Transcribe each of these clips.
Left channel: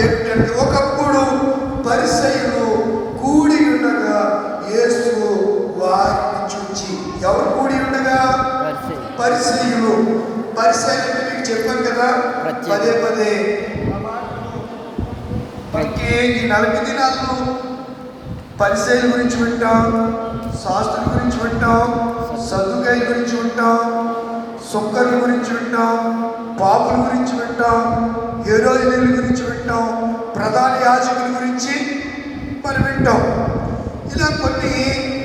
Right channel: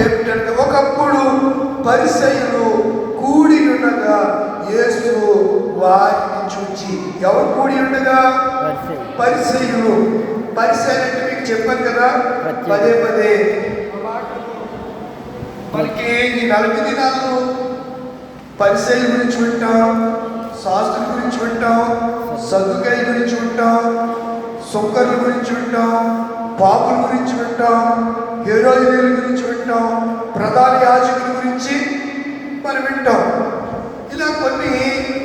ఏమిటంటే ఒకప్పుడు పరిసయ్యులు కూడి ఉండగా యేసు వారిని చూచి, ఎవరు కూడి ఉండగా? పరిసయ్యులు. పరిసయ్యులు అంటే మీకు చెప్పాను కదా పదే పదే. మనకి ఈ 40 దినాల్లో పరిసయ్యుల గురించి వింటాం, శాస్త్రుల గురించి వింటాం, సదుకాయల గురించి వింటాం, సొక్కర్ల గురించి వింటాం, పాపుల గురించి వింటాం, హీరోయిన్ల గురించి వింటాం, ప్రధాన యాజకుల గురించి మనం వింటాం. ఇలా కొన్ని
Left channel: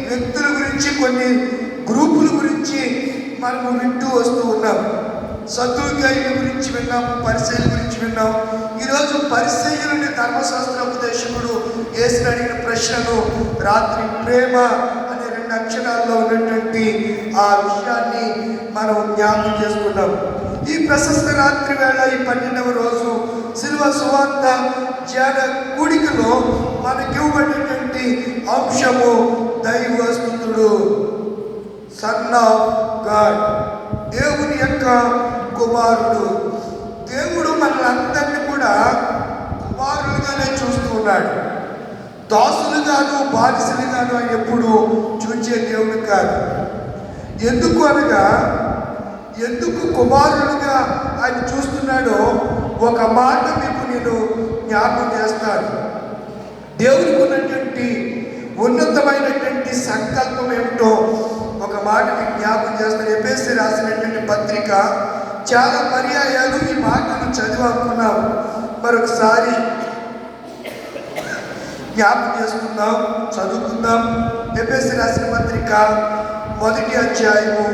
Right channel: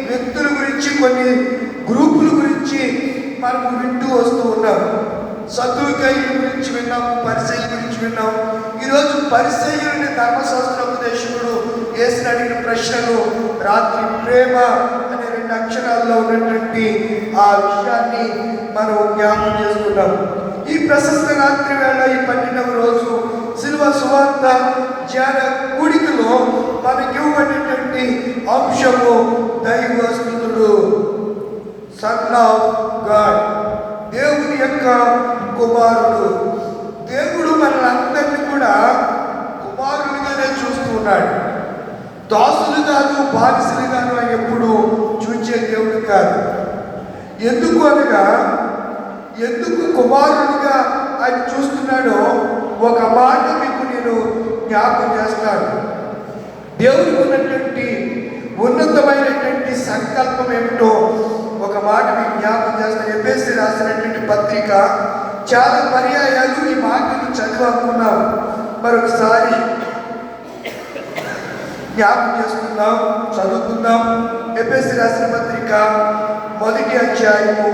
వ్యక్తుల గురించి, కొన్ని గ్రూపుల గురించి మనం వింటూ వస్తూ ఉన్నాం. సదుకాయల గురించి విన్నాం, పరిసయ్యుల గురించి విన్నాం. ఈరోజు పరిసయ్యులనే ధర్మశాస్త్రోపదేశకుడు యేసుని అడిగిన ప్రశ్నలు రాత్రి ప్రేమ అనే 2 అక్షరాల్లో ఉన్నటువంటి ఆ విషయాన్ని మనం జ్ఞాపకం చేసుకున్నాం. ఈ ప్రశస్త రాత్రి వేళ ఈ 12వ రోజు శిలువ సువార్త ధ్యాన కూడికలో మనకి ఇవ్వబడినటువంటి అంశము దైవస్తుతుడు, సన్ ఆఫ్ గాడ్, దేవుని యొక్క కుమారుడు. దేవుడు మనందరినీ కూడా కుమారులుగానే చూస్తున్నాడు. దాసులుగాను బానిసలుగాను అని ఎప్పుడు చూచే దేవుడు కాదు. ఎందుకు అనగా, ఎందుకు కుమారులుగా ఆయన చూస్తున్నాడో ఒక మాట మీకు నేను జ్ఞాపకం చేస్తాను. దేవుడికి ఉన్నటువంటి ఉన్నతమైనటువంటి సంకల్పం ఏమిటో ఒక మాట మీకు జ్ఞాపకం చేస్తాను. ఎఫెసీ రాసినటువంటి పత్రిక చాలా పర్యాయాలు ఈ మాటను చదివాకున్నాం. మరొకసారి జ్ఞాపకం చేసుకుందాం, చదువుకుందాం. ఎఫెసీ రాసిన పత్రిక 1వ అధ్యాయము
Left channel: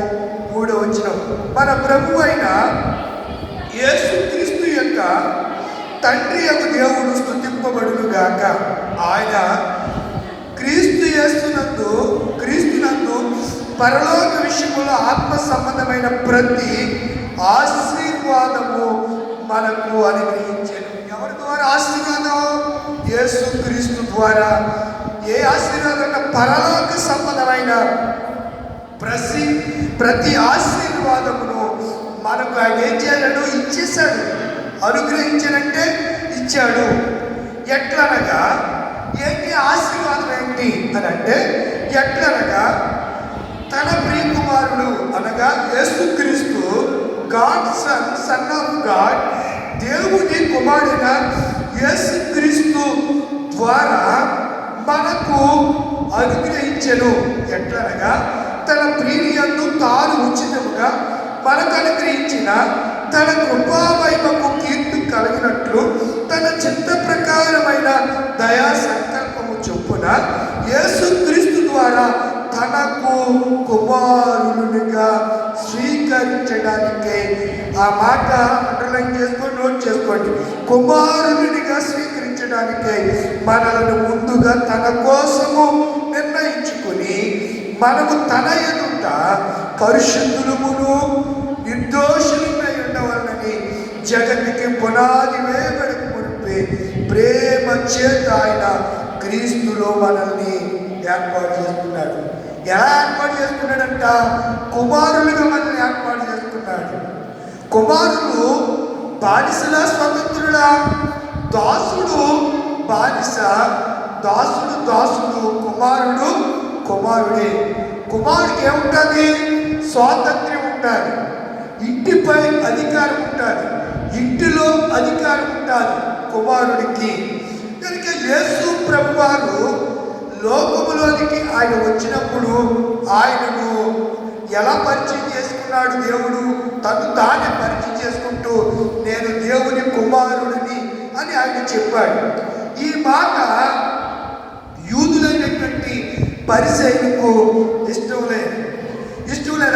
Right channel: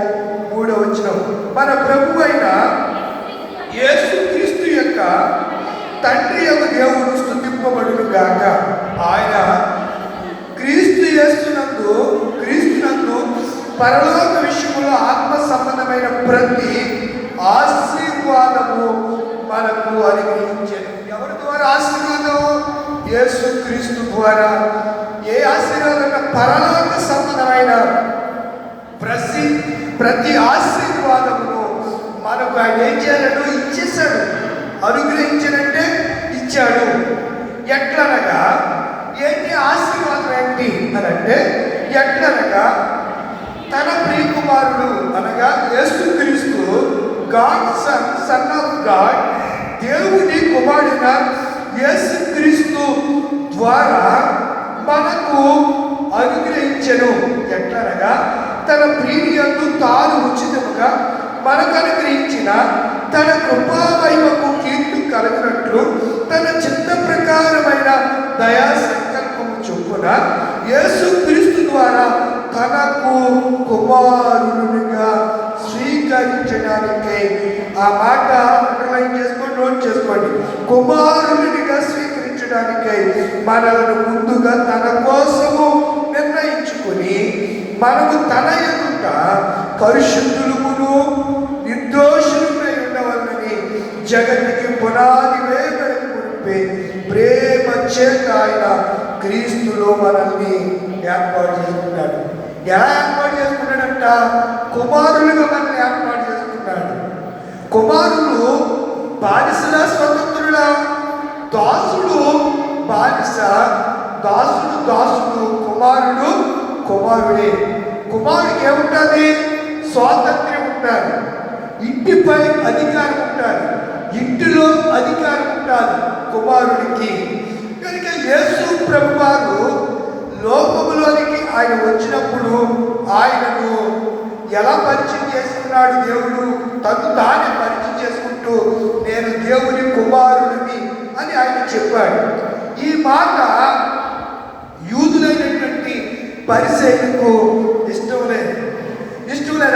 3వ వచనం. మన ప్రభు అయిన యేసుక్రీస్తు యొక్క తండ్రి యొక్క దేవుడు స్తుతింపబడును గాక. ఆయన క్రీస్తునందు పరలోక విషయంలో ఆత్మ సంబంధమైన ప్రతి ఆశీర్వాదము మనకు అనుగ్రహించాను. ఎవరి ద్వారా ఆశీర్వాదం? యేసుక్రీస్తు ద్వారా. ఏ ఆశీర్వాదం? పరలోక సంబంధమైన ప్రతి ఆశీర్వాదమును మనకు ఆయన ఏం చేయాడు? ఇచ్చేశాడు. అనుగ్రహించాడంటే ఇచ్చాడు. ఎట్లనగా, ఏంటి ఆశీర్వాదం ఏంటి అని అంటే, ఎట్లనగా తన ప్రియకుమారుడు అనగా యేసుక్రీస్తు, గాడ్ సన్ ఆఫ్ గాడ్, దేవుని కుమారుడైన యేసుక్రీస్తు ద్వారా మనకు అనుగ్రహించెను. ఎట్లనగా తన ప్రియయందు తాను ఉచితముగా మనకు అనుగ్రహించిన తన కృపావైభవము కీర్తి కలిగినట్లు తన చిత్త ప్రకారమైన దయా సంకల్పము చొప్పున యేసుక్రీస్తు ద్వారా తనకు కుమారునిగా స్వీకరించడానికి. ఆ మాట అండర్లైన్ చేసుకొని నోట్ చేసుకోండి. కుమారునిగా స్వీకరించడానికి మనలను ముందుగా తన కోసము నిర్ణయించుకుని మనము తన ఎదుట పరిశుద్ధులమును నిర్దోషులమై ఉండవలనని జగతికి పునాది వేయబడి మునిపే ప్రేమ చేత ఆయన క్రీస్తులో మనల్ని ఏర్పాటు చేసుకున్నాడు. ఎలా ఏర్పాటు చేసుకున్నాడంట? కుమారులుగా మనల్ని ఏర్పాటు చేసుకున్నాడు. కుమారులు బానిసలా స్వతంత్రులా? దాసుడు బానిస, దాసుడు దాసుడు, కుమారుడు కుమారుడే. కుమారుడికి ఏముంటుంది? స్వాతంత్ర్యం ఉంటుంది, ఇంటిపై అధికారం ఉంటుంది, ఇంటిలో అధికారం ఉంటుంది కుమారుడికి. కనుక యేసు ప్రభువారు లోకములోనికి ఆయన వచ్చినప్పుడు ఆయనను ఎలా పరిచయం చేసుకున్నాడు? దేవుడు తను తానే పరిచయం చేసుకుంటూ నేను దేవుని కుమారుడిని అని ఆయన చెప్పాడు. ఈ మాట యూదులైనటువంటి పరిసయ్యులకు ఇష్టం లేదు.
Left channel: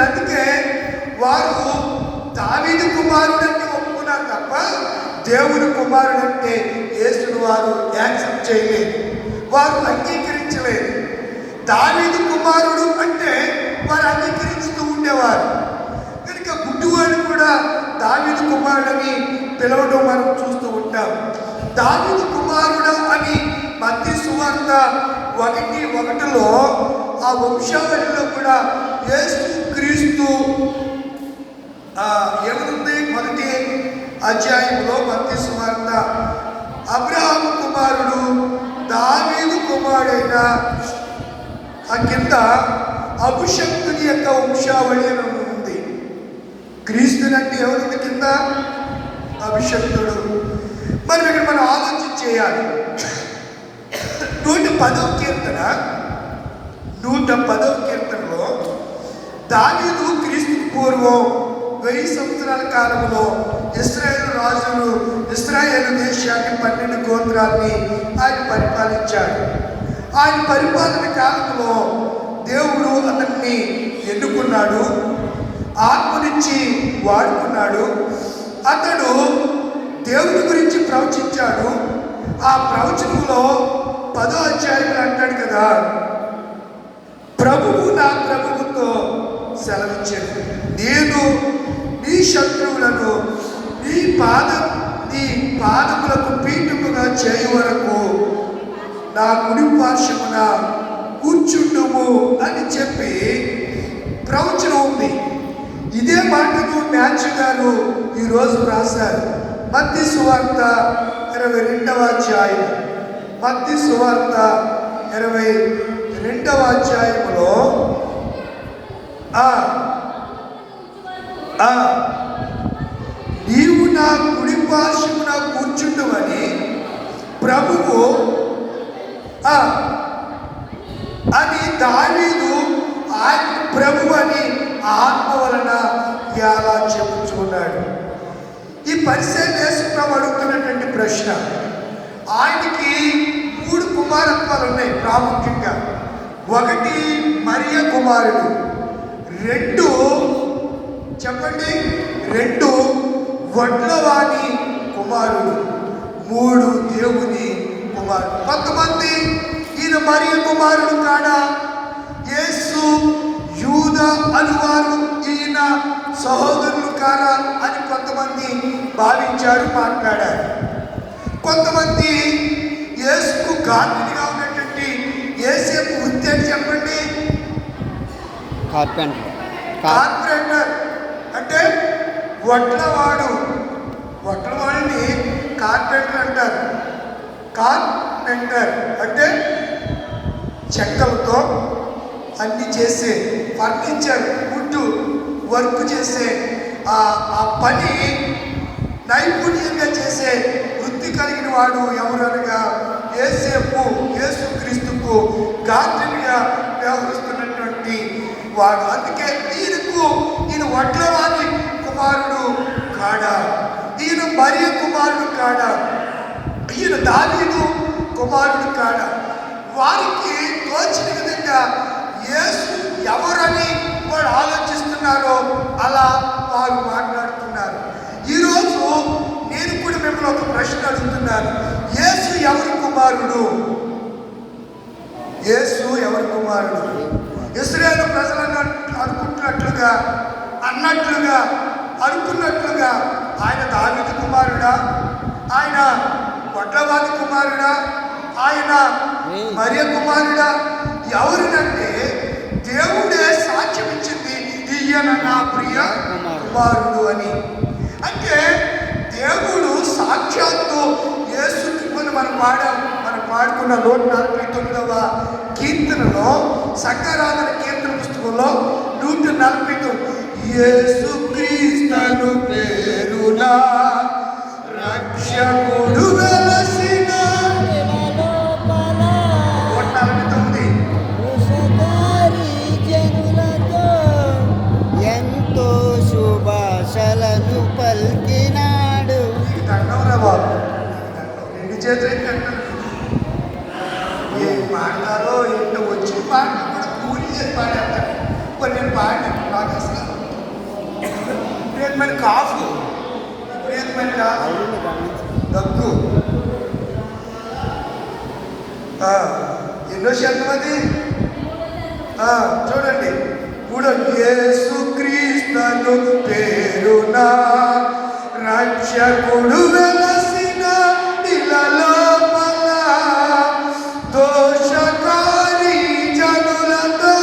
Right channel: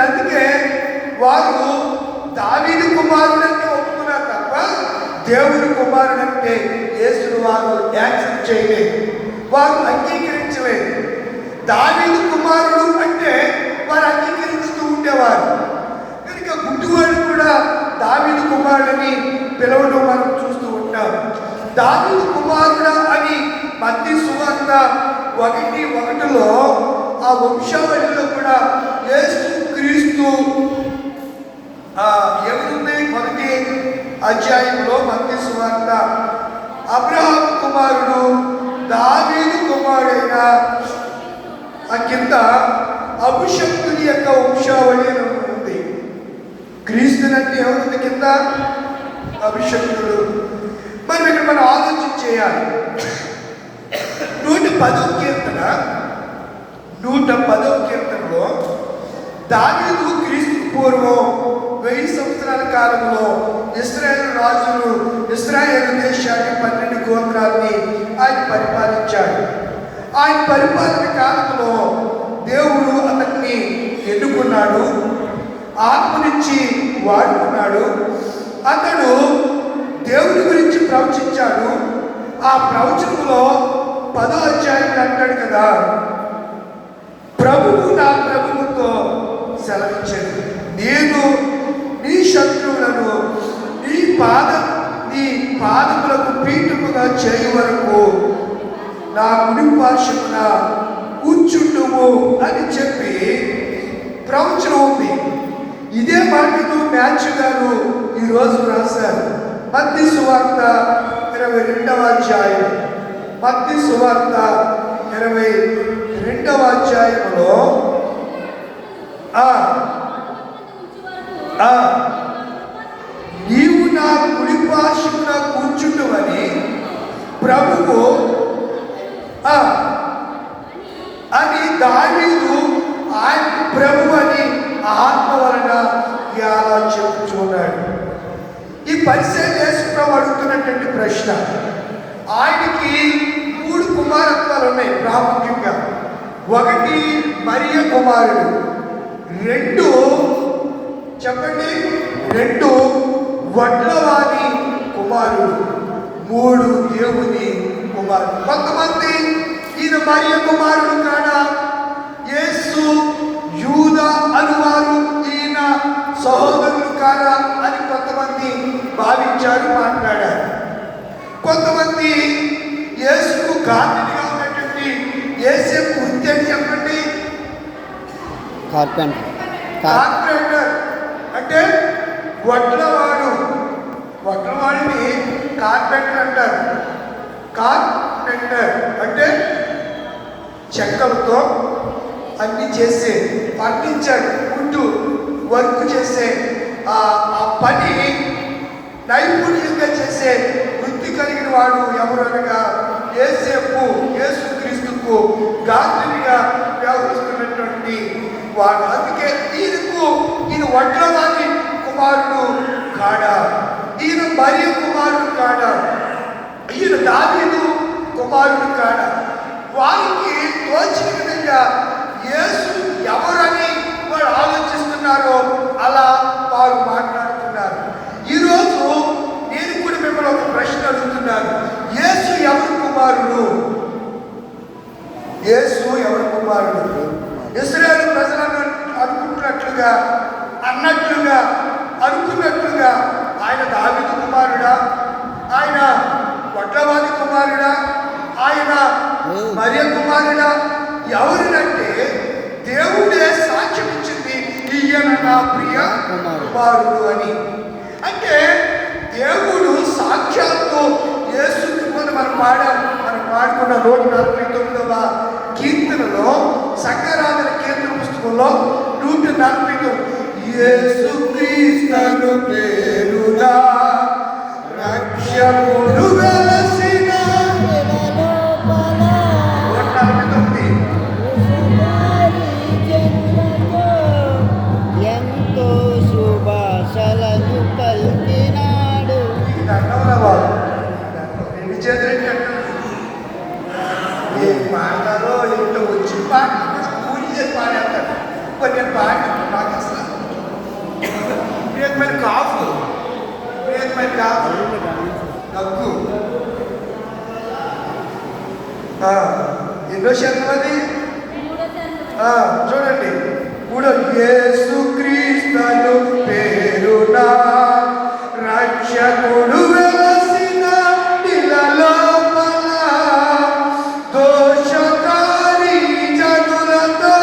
అందుకే వారు దావీదు కుమారుడంటే ఒప్పుకున్నారు తప్ప దేవుని కుమారుడంటే యేసును వారు యాక్సెప్ట్ చేయలేదు, వారు అంగీకరించలేదు. దావీదు కుమారుడు అంటే వారు అంగీకరిస్తూ ఉండేవారు. కనుక గుడ్డివాడు కూడా దావీదు కుమారుడని పిలవడం మనం చూస్తూ ఉంటాం. దావీదు కుమారుడా అని మత్తయి సువార్త 1:1 ఆ వంశావళిలో కూడా యేసు క్రీస్తు ఎవరుంది? 1వ అధ్యాయంలో మత్తయి సువార్త 110వ కీర్తన 110వ కీర్తనలో దావీదు క్రీస్తు పూర్వం 1000 సంవత్సరాల కాలంలో ఇశ్రాయేలు రాజులు ఇశ్రాయేలు దేశాన్ని 12 గోత్రాల్ని ఆయన పరిపాలించాడు. ఆయన పరిపాలన కాలంలో దేవుడు అతన్ని ఎన్నుకున్నాడు, ఆత్మనిచ్చి వాడుకున్నాడు. అతడు దేవుడి గురించి ప్రవచించాడు. ఆ ప్రవచనంలో 10వ అధ్యాయంలో అంటాడు కదా, ప్రభువు నా ప్రభువుతో సెలవిచ్చాడు, నేను నీ శత్రువులను నీ పాదములకు పీఠముగా చేయ వరకు నా కుడి పార్శ్వమున కూర్చుండుము అని చెప్పి ప్రవచనం ఉంది. ఇదే మాటను మ్యాథ్యూ గారు ఈరోజు రాశారు. మత్తయి సువార్త 22వ అధ్యాయం, మత్తయి సువార్త 22వ అధ్యాయంలో నీవు నా కుడి పార్శ్వమున కూర్చుండుమని ప్రభువు అని దావీదు ఆయన ప్రభు అని ఆత్మ వలన ఎలా చెప్పుచున్నాడు. ఈ పరిశీలన యేసుప్రభు అడుగుతున్నటువంటి ప్రశ్న, ఆయనకి 3 కుమారత్వాలు ఉన్నాయి ప్రాముఖ్యంగా. 1 మరియ కుమారుడు, 2 చెప్పండి 2 వడ్లవాణి కుమారుడు, 3 దేవుని కుమారుడు. కొంతమంది ఈయన మరియ కుమారుడు కాడా, యేసు యూదా అనువారు ఈయన సహోదరులు కారా అని కొంతమంది భావించారు, మాట్లాడారు. కొంతమంది యేసుకు గార్డెన్గా ఉన్నటువంటి యేసేపు వృత్తి అని చెప్పండి, కార్పెంటర్ అంటే వడ్లవాడిని కార్పెంటర్ అంటారు. కార్పెంటర్ అంటే చెక్కలతో అన్ని చేసే ఫర్నిచర్ వుడ్ వర్క్ చేసే ఆ పని నైపుణ్యంగా చేసే వృత్తి కలిగిన వాడు ఎవరు అనగా యేసుక్రీస్తుకు గార్డెన్గా వ్యవహరిస్తున్నటువంటి వాడు. అందుకే ఈయన వడ్లవాణి కుమారుడు కాడా, ఈయన మరియ కుమారుడు కాడా, ఈయన దావీదు కుమారుడు కాడా. వారికి తోచిన విధంగా యేసు ఎవరని వారు ఆలోచిస్తున్నారో అలా వారు మాట్లాడుతున్నారు. ఈరోజు నేను కూడా మిమ్మల్ని ఒక ప్రశ్న అడుగుతున్నాను, యేసు ఎవరి కుమారుడు? యేసు ఎవరి కుమారుడు? ఇశ్రాయేలు ప్రజలను అనుకున్నట్లుగా ఆయన దావీదు కుమారుడా, ఆయన వడ్లవాని కుమారుడా, ఆయన మరియ కుమారుడా? ఎవరినంటే దేవుడే సాక్ష్యం ఇచ్చింది, ఈయన నా ప్రియ కుమారుడు అని. అంటే దేవుడు సాక్షాత్తు యేసు మనం పాడుకున్న 149వ కీర్తనలో, సంఘారాధన కీర్తన పుస్తకంలో 149 యేసుక్రీస్తు పేరున రక్షకుడు వెలసిన ఎంతో శుభాశలను పలికినాడు. పాడతారో ఇంట్లో వచ్చి పూజ చేసి పాడేస్తారు. కొన్ని పాడి మాకు అసలు ప్రియమైన కాఫ్, ప్రియమైన దగ్గు, ఎన్నో శతమది చూడండి. యేసుక్రీస్తు పేరున రక్షకుడు వెలసిన ఇలలోపల దోషకారి జనులతో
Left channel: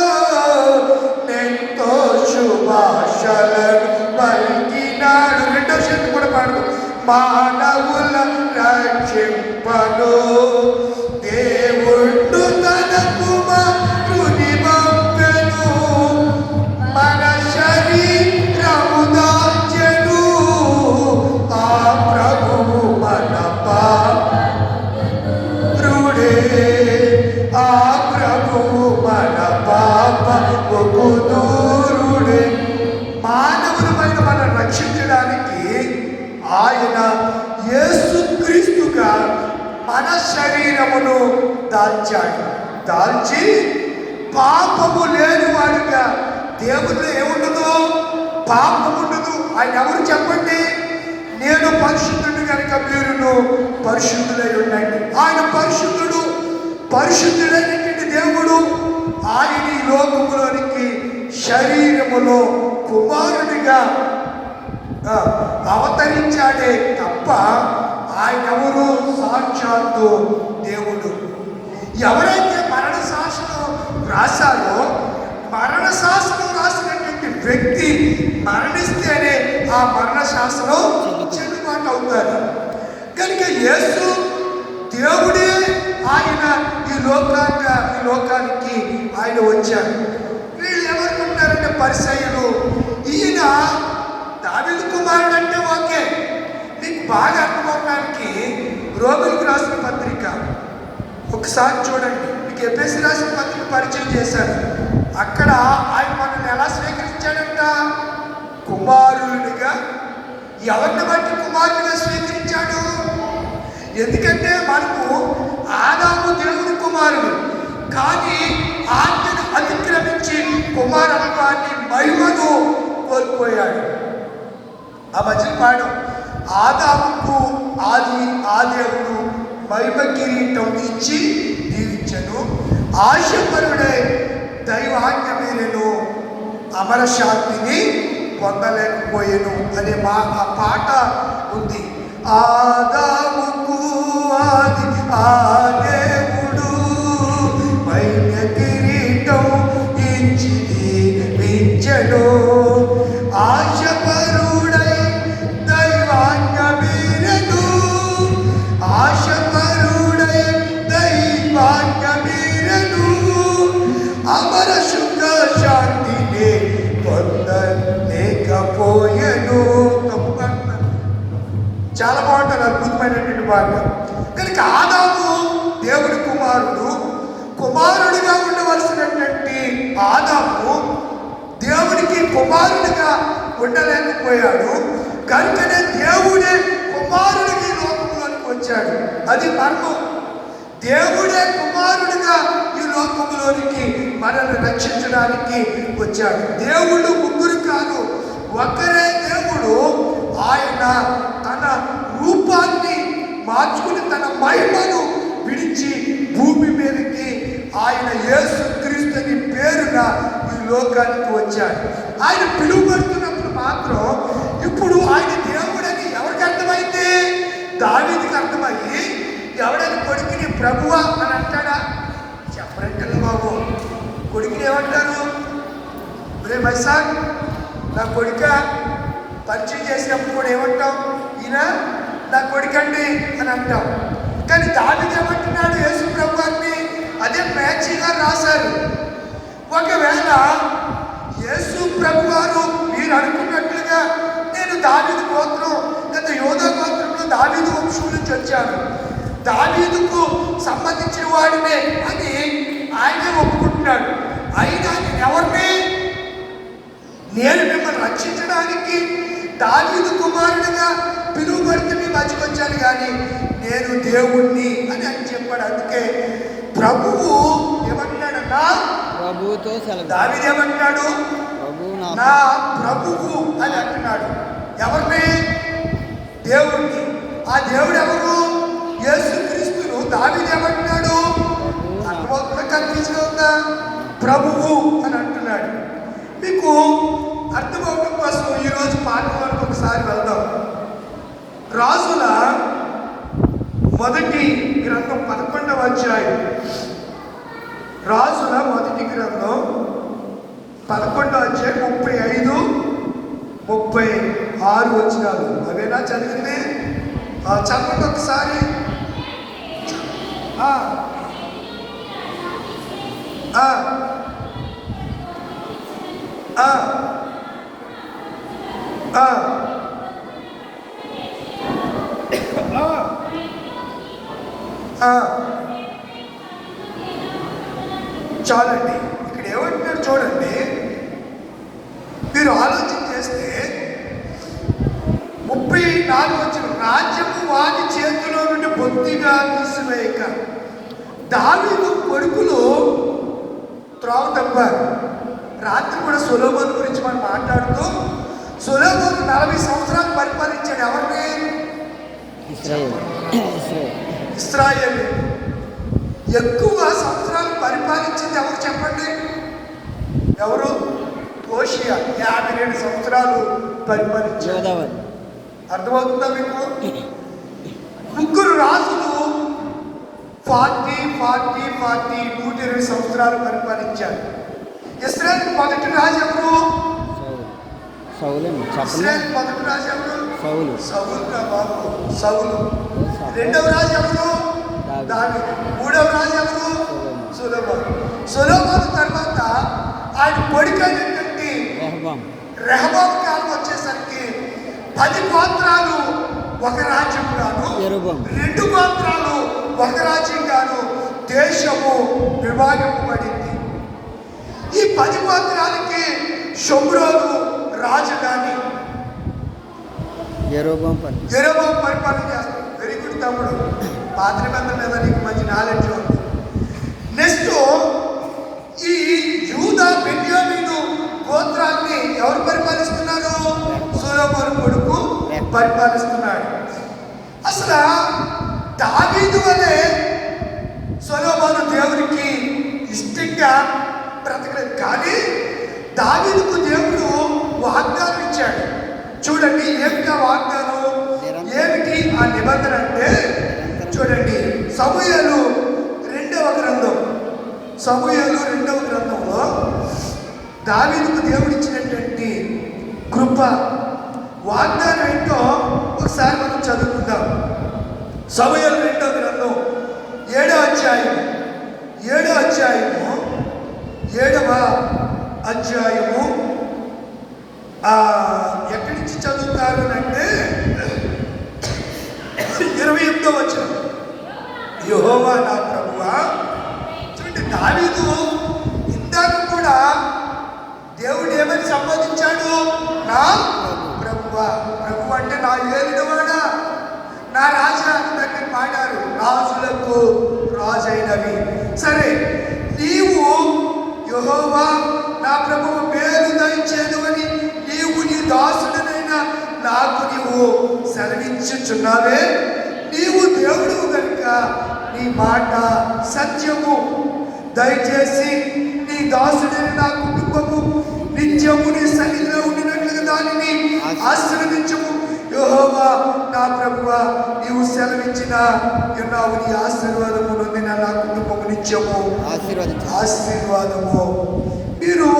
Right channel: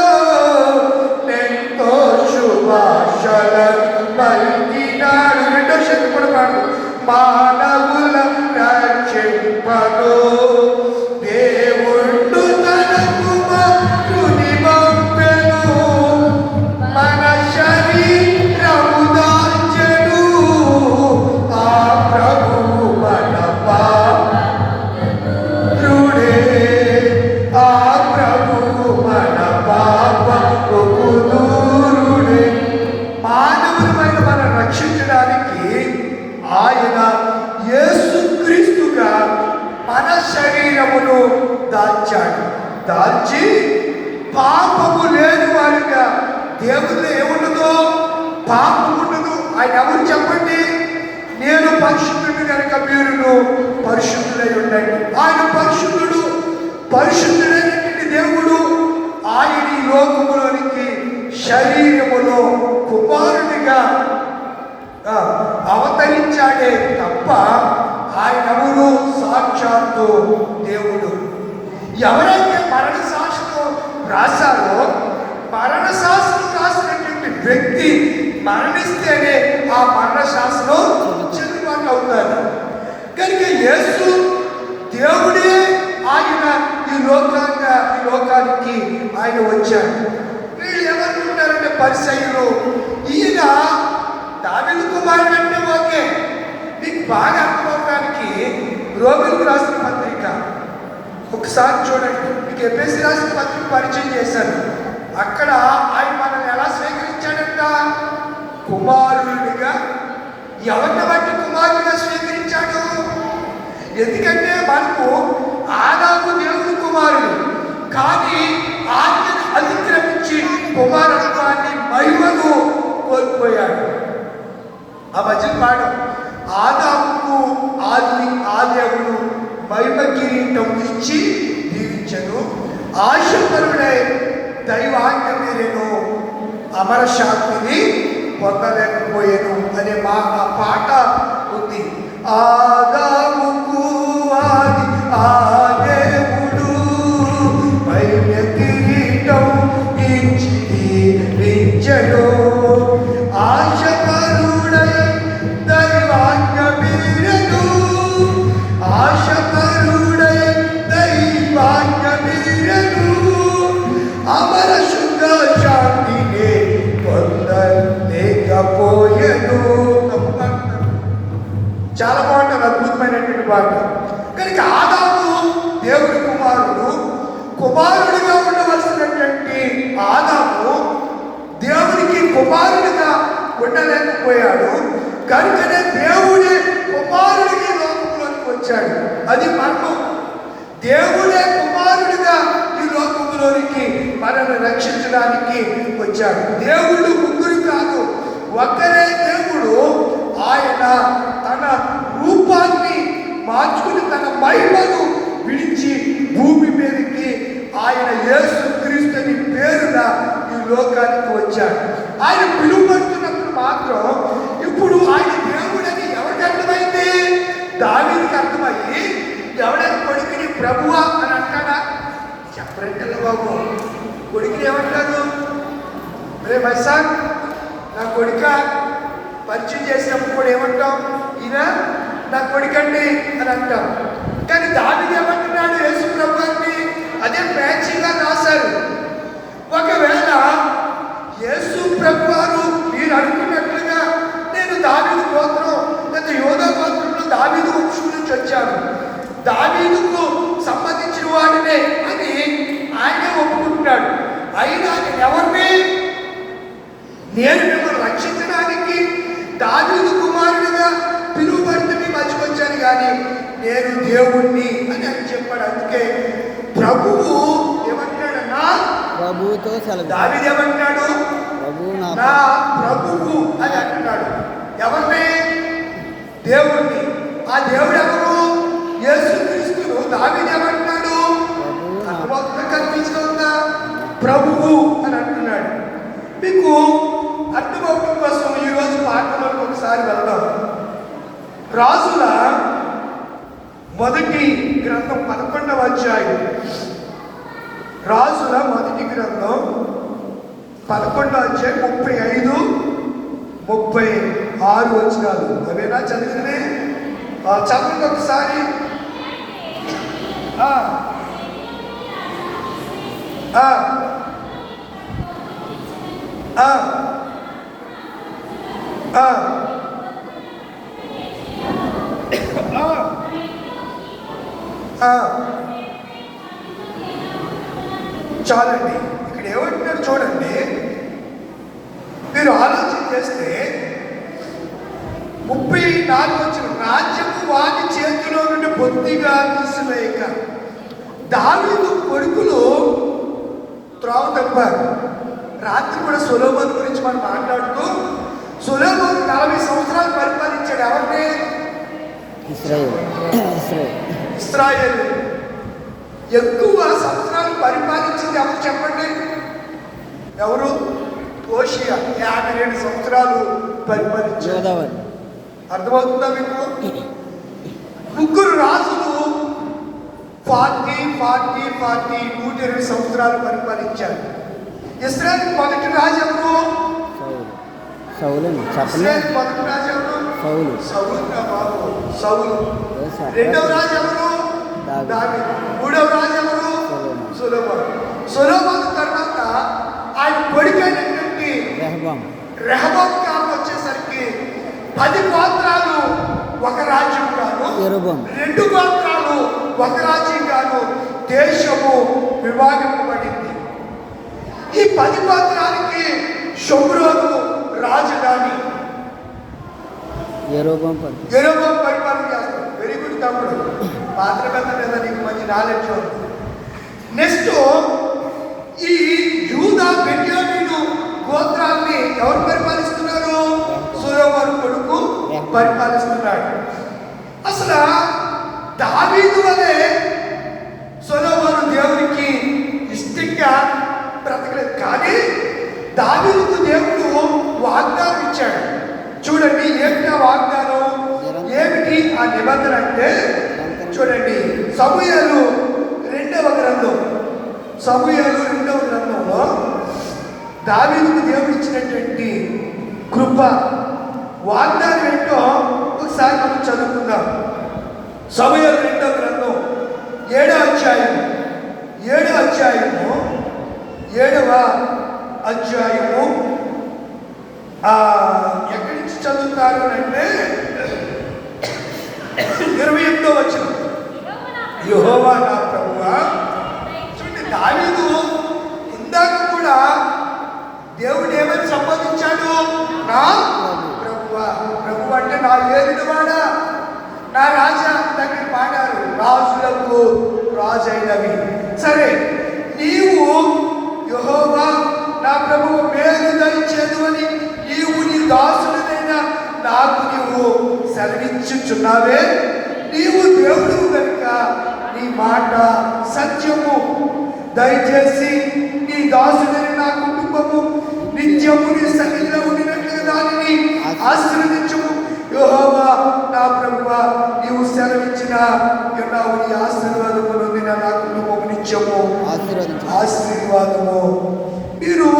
ఎంతో శుభాశలను పలికినాడు. 2వ శక్తి కూడా పాడు. మానవుల రక్షింపను దేవుడు తన కుమారుని పంపెను, మన శరీరము దాల్చెను, ఆ ప్రభువు మన పాత్రుడే, మార్చి పాపము లేని వాడుగా. దేవుడిలో ఏముండదు? పాపం ఉండదు. ఆయన ఎవరు చెప్పండి? నేను పరిశుద్ధుడు కనుక మీరును పరిశుద్ధులై ఉండండి. ఆయన పరిశుద్ధుడు. పరిశుద్ధుడైనటువంటి దేవుడు ఆయన ఈ లోకములోనికి శరీరములో కుమారునిగా అవతరించాడే తప్ప ఆయన ఎవరు? సాక్షాత్తు దేవుడు. ఎవరైతే మరణ శాసనం రాశారో, మరణ శాసనం రాసినటువంటి వ్యక్తి మరణిస్తేనే ఆ మరణ శాసనం చెల్లుబాటు అవుతారు. కనుక యేసు దేవుడే ఆయన ఈ లోకానికి ఆయన వచ్చాడు. వీళ్ళు ఏమనుకుంటారంటే పరిసయ్యులు, ఈయన దావీదు కుమారుడు అంటే ఓకే, మీకు బాగా అర్థమవడానికి రోమీయులకు రాసిన పత్రిక ఒకసారి చూడండి. మీకు ఎఫెసీ రాసిన పత్రిక పరిచయం చేశాను. అక్కడ ఆయన మనల్ని ఎలా స్వీకరించాడంట? కుమారుడిగా. ఎవరిని బట్టి కుమారుడిగా స్వీకరించాడు? ఎందుకంటే మనకు ఆదాము దేవుని కుమారుడు, కానీ ఆజ్ఞను అతిక్రమించి కుమారత్వాన్ని మహిమను కోల్పోయాడు. ఆ మధ్య పాడు ఆదాముకు ఆ దేవుడు మహిమ కిరీటం ఇచ్చి దీవించను. ఆశపరుడై దైవాజ్ఞ మేరెను అమర శాంతిని పొందలేకపోయాను అనే ఆ పాట ఉంది. ఆదాముకు ఆది ఆ దేవుడు మహిమ కిరీటం ఇచ్చి దీవించను. చాలా బాగుంటుంది, అద్భుతమైనటువంటి పాట. కనుక ఆదాము దేవుడి కుమారుడు. కుమారుడిగా ఉండవలసినటువంటి ఆదాము దేవుడికి కుమారుడిగా ఉండలేకపోయాడు. కనుకనే దేవుడే కుమారుడికి లోకంలోకి వచ్చాడు. అది మర్మం. దేవుడే కుమారుడిగా ఈ లోకంలోనికి మనల్ని రక్షించడానికి వచ్చాడు. దేవుడు ముగ్గురు కాదు, ఒక్కరే దేవుడు. ఆయన తన రూపాన్ని మార్చుకుని తన మహిమను విడిచి భూమి మీదకి ఆయన యేసు క్రీస్తుని పేరున ఈ లోకానికి వచ్చాడు. ఆయన పిలువబడుతున్నప్పుడు మాత్రం ఇప్పుడు ఆయన దేవుడని ఎవరికి అర్థమైంది? దావీదుకి అర్థమయ్యి ఎవడని కొడుకుని ప్రభువా అని అంటాడా? చెప్పరండి బాబు. కొడుకుని ఏమంటారు? మరే మైసాక్ నా కొడుక పరిచయం చేసినప్పుడు కూడా ఏమంటాం? ఈయన నా కొడుకండి అని అంటాం. కానీ దావీదు ఏమంటున్నాడు? యేసు ప్రభువుని అదే మ్యాచింగ్గా రాశారు. ఒకవేళ యేసు ప్రభు వారు మీరు అనుకున్నట్లుగా నేను దావీదు గోత్రం లేదా యోధా గోత్రంలో దావీదు వంశం నుంచి వచ్చాను, దావీదుకు సంబంధించిన వాడినే అని ఆయనే ఒప్పుకుంటున్నాడు. అయినా ఎవరిని? నేను మిమ్మల్ని రక్షించడానికి దావీదు కుమారుడిగా పిలువబడితే మీ మధ్యకు వచ్చాను, కానీ నేను దేవుణ్ణి అని ఆయన చెప్పాడు. అందుకే ప్రభువు ఏమంటున్నాడన్నా? ప్రభువుతో సెలవు. దావీదు ఏమంటున్నాడు? నా ప్రభువు అని అంటున్నాడు. ఎవరిని? దేవుణ్ణి. ఆ దేవుడు ఎవరు? యేసుక్రీస్తును. దావీదు ఏమంటున్నాడు? కనిపించుకుందా? ప్రభువు అని అంటున్నాడు. మీకు అర్థమవడం కోసం ఈరోజు పాఠంలోకి ఒకసారి వెళ్దాం. రాజుల మొదటి గ్రంథం 11వ అధ్యాయం. రాజుల మొదటి గ్రంథం 11వ అధ్యాయం 35, 36 వచనాలు. అవేనా చదివింది? చదవండి ఒకసారి. చాలండి. ఇక్కడ ఏమంటున్నారు చూడండి. మీరు ఆలోచన చేస్తే 34 వచ్చిన రాజ్యము వారి చేతిలో నుండి బొత్తిగా తీసివేయక దావీదు కొడుకులు ఇశ్రాయేలు ఎక్కువ సంవత్సరాలు పరిపాలించింది ఎవరు చెప్పండి? ఎవరు? హోషేయ 52 సంవత్సరాలు పరిపాలించారు. అర్థమవుతుందా మీకు? ముగ్గురు రాజులు 120 సంవత్సరాలు పరిపాలించారు. ఇశ్రాయేలు మొదటి రాజు ఎవరు? సౌలు. ఇశ్రాయేలు మొదటి రాజు ఎవరు? సౌలు. రెండవ రాజు ఎవరు? దావీదు. మూడవ రాజు ఎవరు? సొలొమోను తర్వాత ఆయన కొడుకైనటువంటి రెహబాము కాలం వచ్చేసరికి 10 గోత్రాలు ఒక రాజ్యం గాను, 2 గోత్రాలు ఒక రాజ్యం గాను దేశము విభాగింపబడింది. ఈ 10 గోత్రాలకి షోమ్రోను రాజధాని. యెరోబాము పరిపాలన చేస్తాడు. వెరీ గుడ్ తమ్ముడు, పాత్ర పెద్ద మీద నీకు మంచి నాలెడ్జ్ ఉంది. నెక్స్ట్ ఈ యూదా బెన్యామీను గోత్రాన్ని ఎవరు పరిపాలిస్తున్నారు? సొలొమోను కొడుకు పరిపాలిస్తున్నాడు. అసలు దావీదు వలె సొలొమోను దేవునికి ఇష్టంగా బ్రతకలేదు. కానీ దావీదుకు దేవుడు వాగ్దానం ఇచ్చాడు. చూడండి ఏమిటి ఆ వాగ్దానం, ఏమిటి ఆ నిబంధన అంటే చూడండి, సమూయేలు 2వ గ్రంథంలో దావీదుకు దేవుడు ఇచ్చినటువంటి కృప వాగ్దానం ఏంటో ఒకసారి మనం చదువుకుందాం. సమూయేలు 2వ గ్రంథం 7వ అధ్యాయము 7వ అధ్యాయము ఎక్కడి నుంచి చదువుతారు అంటే 28వ వచనం. యెహోవా నా ప్రభువా. చూడండి, దావీదు ఇందాక కూడా దేవుడు ఏమని సంబోధించాడు? నా ప్రభువా. ప్రభు అంటే నా ఏలినవాడా, నా రాజా దగ్గర పాడారు, రాజులకు రాజైనవి. సరే, నీవు యెహోవా నా ప్రభువు మేలు దయచేదు అని నీవు నీ దాసుడనైనా నాకు నీవు సెలవించుచున్నావే. నీవు దేవుడు కనుక నీ మాట సత్యము. దయచేసి నీ దాసుడైన నా కుటుంబము నిత్యము నీ సన్నిధిలో ఉండినట్లుగా దానిని ఆశీర్వదించుము. యెహోవా నా ప్రభువా, నీవు సెలవిచ్చిన ఉన్నావు. నీ ఆశీర్వాదము నొందిన నా కుటుంబము నిత్యము ఆశీర్వాదము. మీరు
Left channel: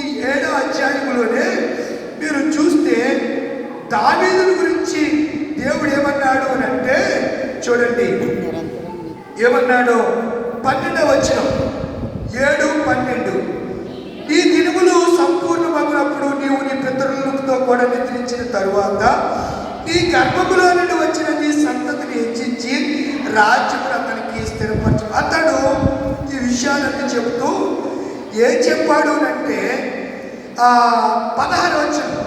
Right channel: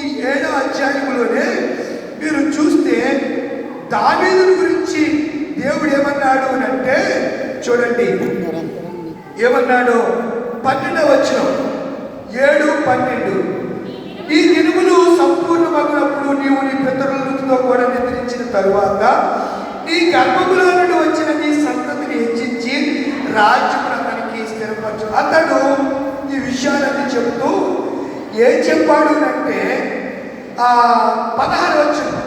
ఈ 7వ అధ్యాయంలోనే మీరు చూస్తే దావీదు గురించి దేవుడు ఏమన్నాడు అంటే చూడండి ఏమన్నాడు. 12వ వచనం 7:12. ఈ దినములు సంపూర్ణమగునప్పుడు నీవు నీ పితరులతో కూడా నిద్రించిన తరువాత నీ గర్భములో నుండి వచ్చిన నీ సంతతిని హెచ్చించి రాజ్యమును అతనికి స్థిరపరచు. అతడు ఈ విషయాలన్నీ చెబుతూ ఏం చెప్పాడు అంటే 16వ వచనం,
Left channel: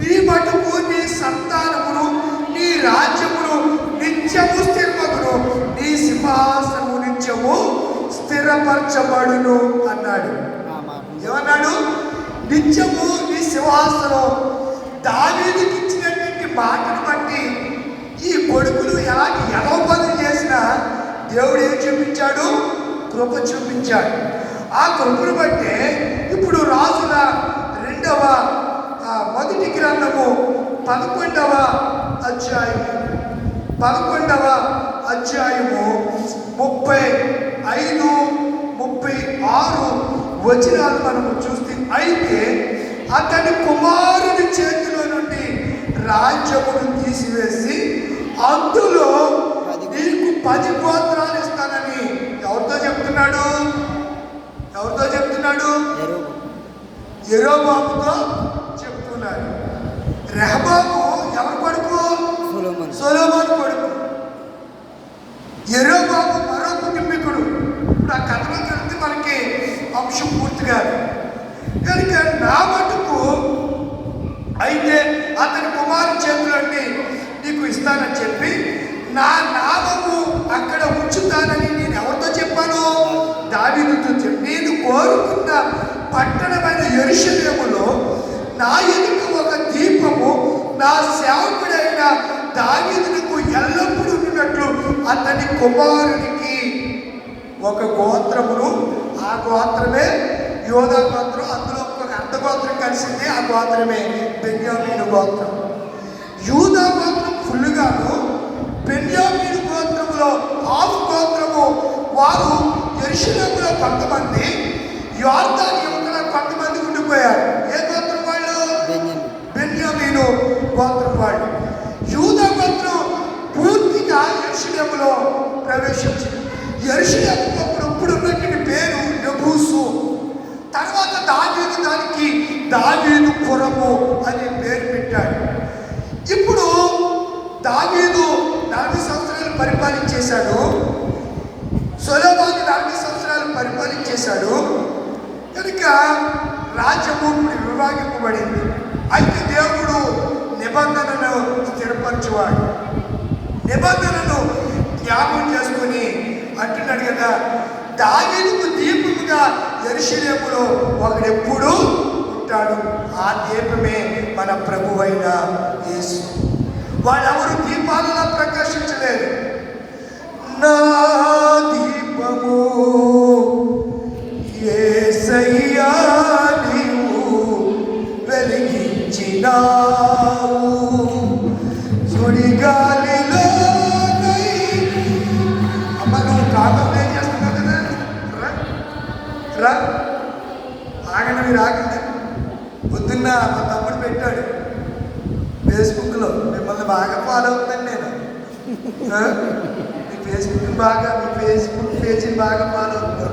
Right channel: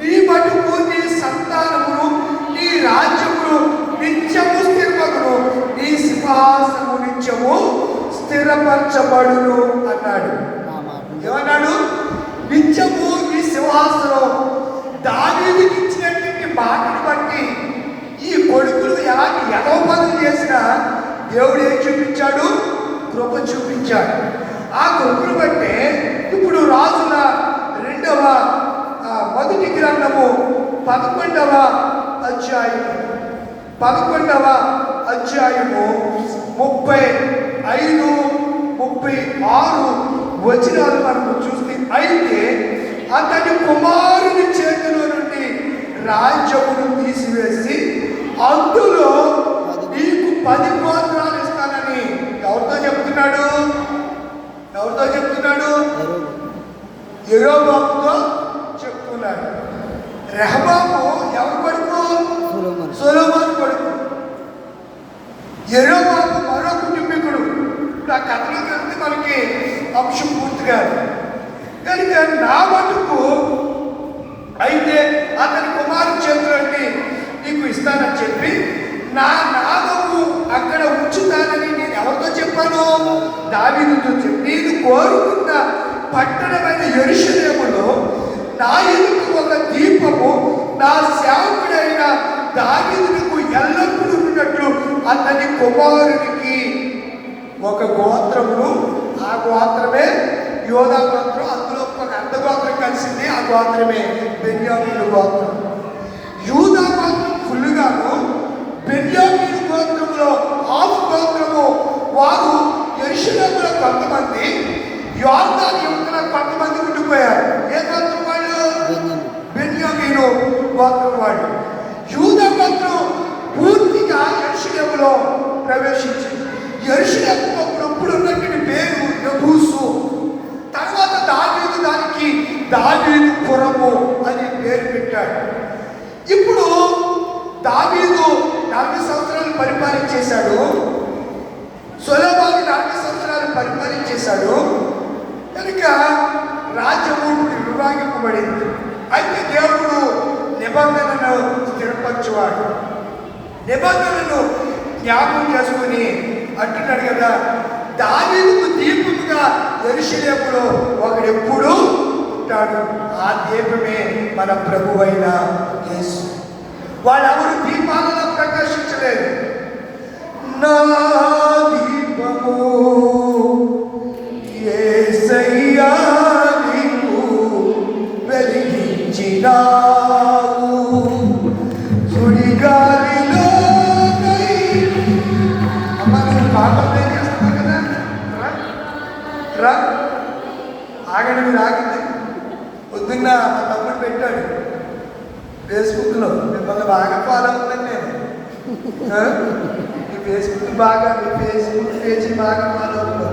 నీ మటుకు నీ సంతానమును నీ రాజ్యమును నిత్యము స్థిరమగును, నీ సింహాసనము నిత్యము స్థిరపరచబడును అన్నాడు. ఏమన్నాడు? నిత్యము నీ సింహాసనం. దావీదుకి ఇచ్చినటువంటి మాటను బట్టి ఈ కొడుకులు ఎలాంటి ఎగవ పనులు చేసినా దేవుడు ఏం చూపించాడు? కృప చూపించాడు. ఆ కృపను బట్టే ఇప్పుడు రాజుల 2వ మొదటి గ్రంథము 11వ అధ్యాయము 35, 36 వచనాలు మనము చూస్తే, అయితే అతని కుమారుని చేతిలో నుండి రాజ్యమును తీసివేసి అందులో నీకు 10 గోత్రాలు ఇస్తానని ఎవరితో చెప్తున్నాడు? యెరోబాముతో చెప్తున్నాడు. రెహబాము ఎవరి కొడుకు? సొలొమోను కొడుకు. యెరోబాము మరో కుటుంబీకుడు. ఇప్పుడు ఆ కథలోకి వెళ్తే మనకి అంశం పూర్తిగా కనుక నా మటుకు అయితే అతని కుమారుని చేతులండి నీకు ఇస్తానని చెప్పి నా నామము అక్కడ ఉంచుతానని నేను ఎవరితో చెప్పాను? దావీదుతో చెప్పి, నేను కోరుకున్న పట్టణమైన యెరూషలేములో నా ఎదుట ఒక దీపము నా సేవకుడైన దావీదుకు ఎల్లప్పుడూ ఉన్నట్లు అతని కుమారునికి ఒక గోత్రమును, ఆ గోత్రమే యోధా గోత్రం. అందులో ఒక అర్ధ గోత్రం కలిసింది, ఆ గోత్రమే బెన్యామీను గోత్రం. యూదా గోత్రం ఫుల్లుగాను, బెన్యామీను గోత్రములో ఆఫ్ గోత్రము వారు యెరూషలేములో కొంతమంది, యోర్దాను యువతలో కొంతమంది ఉండిపోయారు. ఏ గోత్రం వాళ్ళు? బెన్యామీను గోత్రం వాళ్ళు. యూదా గోత్రం పూర్తిగా యెరూషలేములో ప్రవేశించింది. యెరూషలేము ఇప్పుడు ఉన్నటువంటి పేరు యెబూసు. తర్వాత దావీదు దానికి దావీదు పురము అనే పేరు పెట్టాడు. ఇప్పుడు దావీదు 40 సంవత్సరాలు పరిపాలించేశాడు, సొలొమోను 40 సంవత్సరాలు పరిపాలించేశాడు. కనుక రాజ్యము విభాగింపబడింది. అయితే దేవుడు నిబంధనను స్థిరపరచువాడు. నిబంధనను జ్ఞాపకం చేసుకొని అంటున్నాడు కదా, దావీదుకు దీపముగా యెరూషలేములో ఒకడెప్పుడు ఉంటాడు. ఆ దీపమే మన ప్రభువైన యేసు. వాళ్ళెవరు దీపాలలో ప్రకాశించలేదు. నా దీపము యేసయ్యా నీవు వెలిగించినావు, సుడిగాలిలో మనం పాపం ఏం చేస్తున్నాం కదా. రా ఆగండి, మీరు ఆగండి. పొద్దున్న మా తమ్ముడు పెట్టాడు ఫేస్బుక్లో, మిమ్మల్ని బాగా ఫాలో అవుతాను నేను. మీ ఫేస్బుక్ బాగా, మీ ఫేస్బుక్ పేజీని బాగా ఫాలో అవుతాను.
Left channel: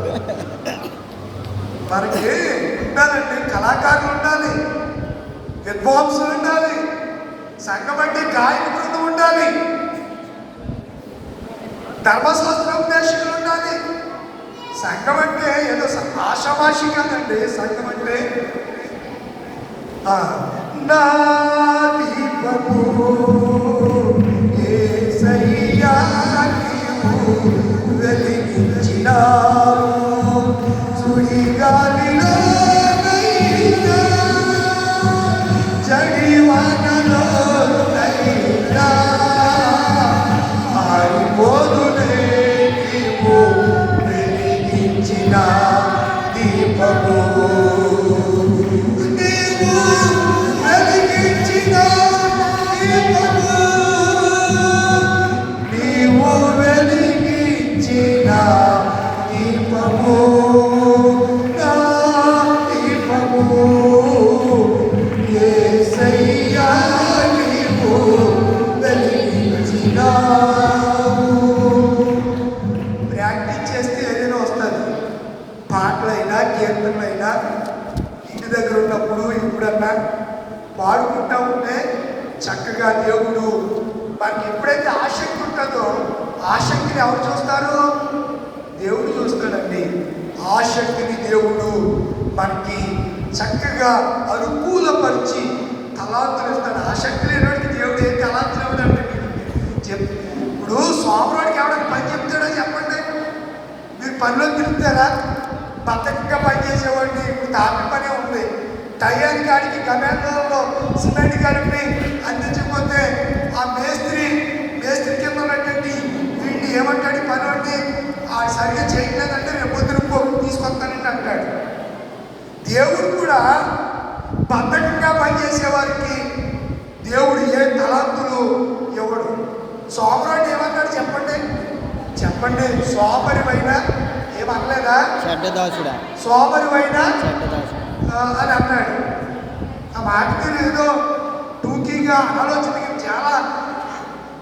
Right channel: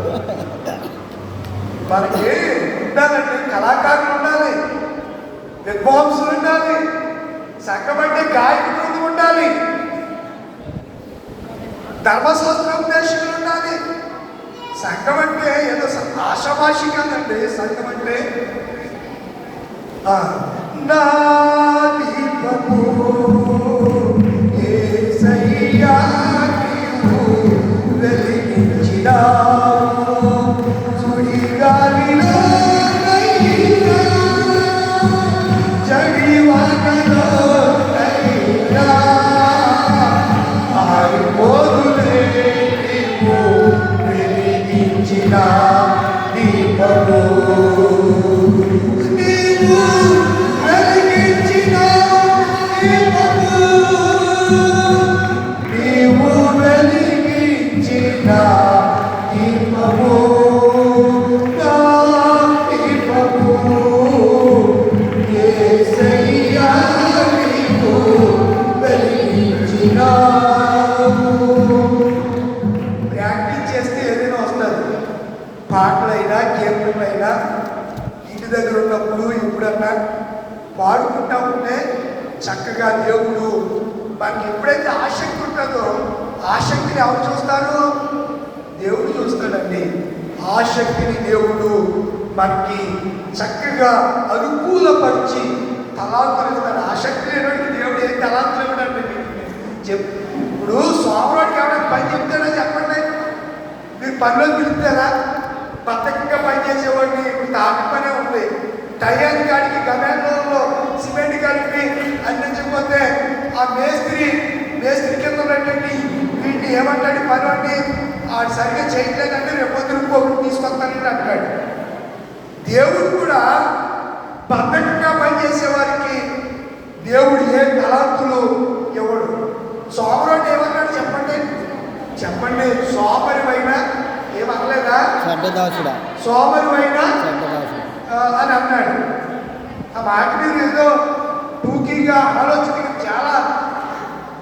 మనకి ఉండాలండి, కళాకారులు ఉండాలి, విద్వాంసులు ఉండాలి, సంఘం అంటే గాయక బృందం ఉండాలి, ధర్మశాస్త్రోపదేశకులు ఉండాలి. సంఘం అంటే ఏదో ఆషామాషి కాదండి. సంఘం అంటే నా దీపము యేసయ్యా నీవు వెలిగించినావు, సుడిగాలిలో నైనా జడివానలో నైనా ఆరిపోదులే నీవు వెలిగించిన దీపము, నీవు వెలిగించిన దీపము, నీవు వెలిగించిన దీపము, నా దీపము యేసయ్యా నీవు వెలిగించినావు. ప్రాక్టీస్ చేస్తే ఏదైనా వస్తుంది. పాటలైనా కీర్తనైనా ఇంటి దగ్గర ఉన్నప్పుడు ఎప్పుడన్నా పాడుకుంటా ఉంటే చక్కగా దేవుడు మనకి ఎప్పుడైతే ఆసక్తి ఉంటుందో, ఆసక్తిని ఎవరు చూస్తారు? దేవుడు చూస్తాడండి. ఆసక్తిని దేవుడు మనకి చక్కగా అనుకూలపరిచి తలాంతులు ఇస్తాడు. ఆసక్తి లేనివాడికి దేవుడు ఏ తలాంతులు ఇవ్వడంటే ఇప్పుడు సోమవాడికి ఎవరైనా పని చెప్తాడో చెప్పండి. మీరు పనిలో తిరుగుతారా? బద్దకంగా పనిచేసేవాడిని ఇప్పుడు తాపి పనే ఉంది. టయానికి కాడికి గమేంలో సిమెంట్ కలిపి అందించకపోతే ఆ మేస్త్రి కింద ఉన్నటువంటి వీటిని ఏమంటాడు? పని వండి ఆ సరిగ్గా చేయట్లేదంటే రేపు పొద్దున తీసుకొస్తానంటే అంటాడు. దేవుడు కూడా బద్దకంగా పనిచేసే వారికి దేవుడు ఏ తలాంతులు ఇవ్వడు. సోమరోడు ఏమన్నాడు చెప్పండి? సోమరివైనా ఏమనలేదా? చెడ్డదాసుడా, సోమరివైనా చెడ్డదాసుడా అని అన్నాడు. ఆ మాట మీరు ఏదో టూకీగా ఆలోచన చాలా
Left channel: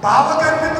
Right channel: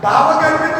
భావగర్భిత